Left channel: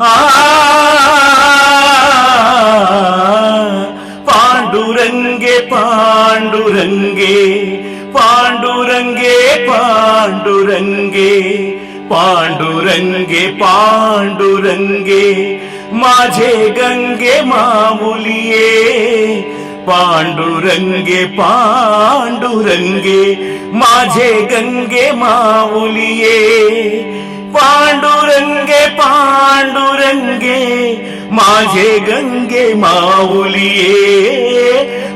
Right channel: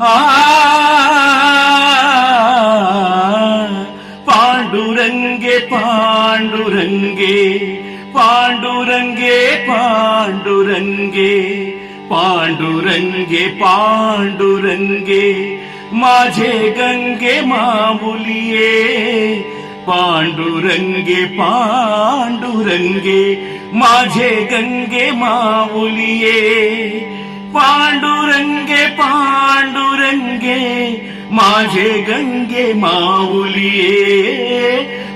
आ पांडुरंगे पांडुरंगे पांडुरंगे पांडुरंगे पांडुरंगे पांडुरंगे माझे गंगे माऊलिये पांडुरंगे पांडुरंगे माझे गंगे माऊलिये पांडुरंगे पांडुरंगे माझे गंगे माऊलिये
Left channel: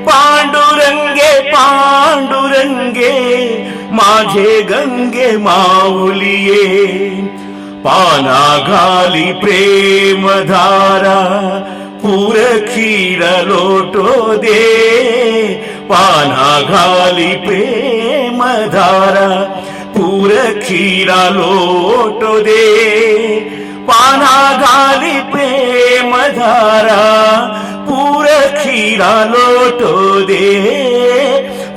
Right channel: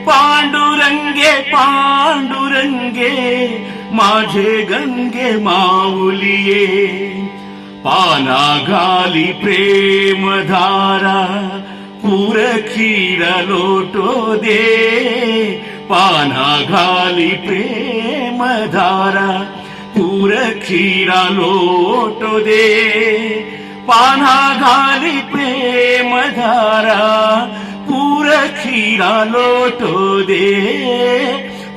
पांडुरंगे पांडुरंगे माझे गंगे माऊलिये पाना घाली प्रेम धारा पूर खीर लोटो दे पाना घाली प्रेम धारा पूर खीरा लोटो दे पाना घाली प्रेम धारा पूर खीरा लोटो दे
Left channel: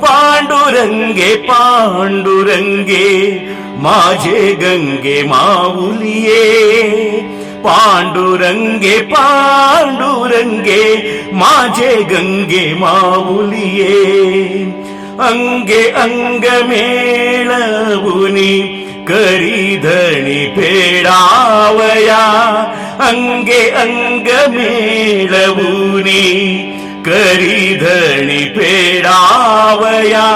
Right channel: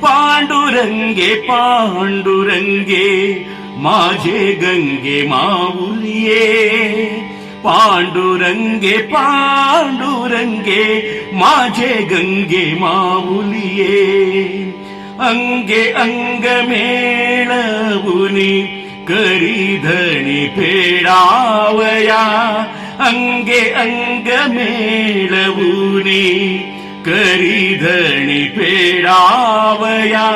पांडुरंगे पांडुरंगे माझे गंगे माऊलिये पांडुरंगे पांडुरंगे माझे गंगे माऊलिये अंगे अंग मेळवुनी करी धणी फेडावया अंगे अंग मेळवुनी करी धणी फेडावया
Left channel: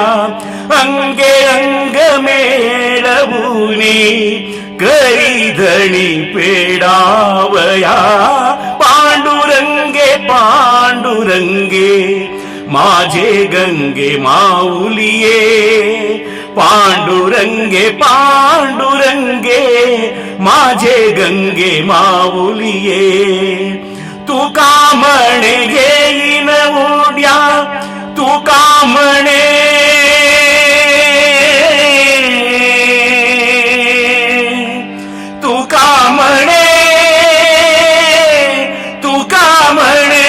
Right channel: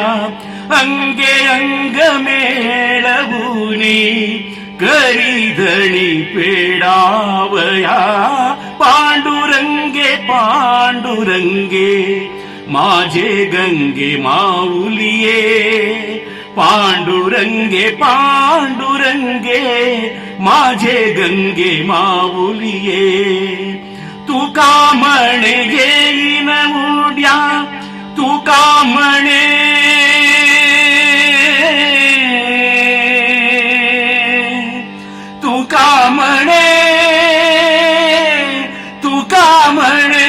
अंगे अंग मेळवुनी करी धणी फेडावया पांडुरंगे पांडुरंगे माझे गंगे माऊलिये पांडुरंगे पांडुरंगे माझे गंगे माऊलिये तू का म्हणे येईन उद्या तू का म्हणे तू का म्हणे तू का म्हणे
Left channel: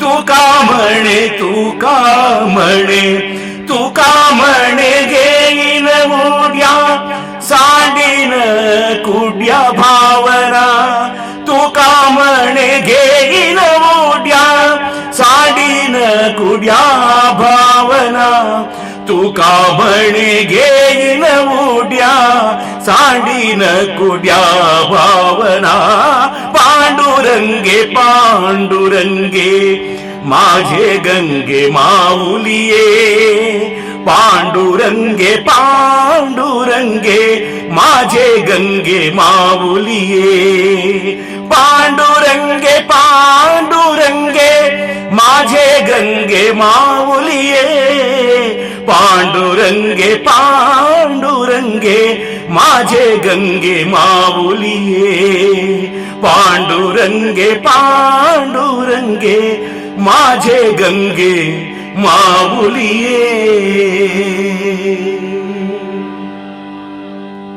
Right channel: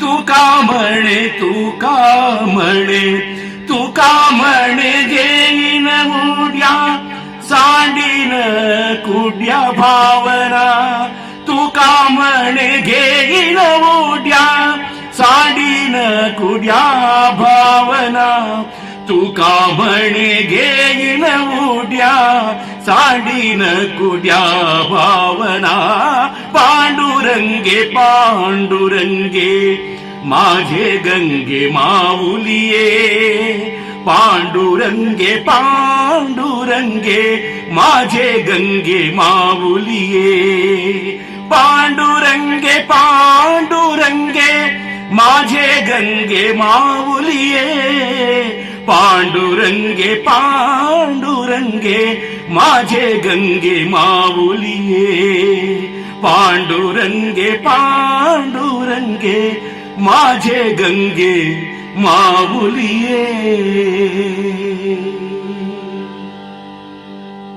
तू का म्हणे तू का म्हणे तू का म्हणे घेईन उद्या सांडीन कुड्या भावना तू का म्हणे घेईन उद्या सांडीन कुड्या भावना तू का म्हणे घेईन उद्या सांडीन कुड्या भावना पांडुरंगे पांडुरंगे माझे गंगे माऊलिये पांडुरंगे पांडुरंगे माझे गंगे माऊलिये पांडुरंगे पांडुरंगे माझे गंगे माऊलिये पांडुरंगे पांडुरंगे माझे गंगे माऊलिये पांडुरंगे पांडुरंगे माझे गंगे माऊलिये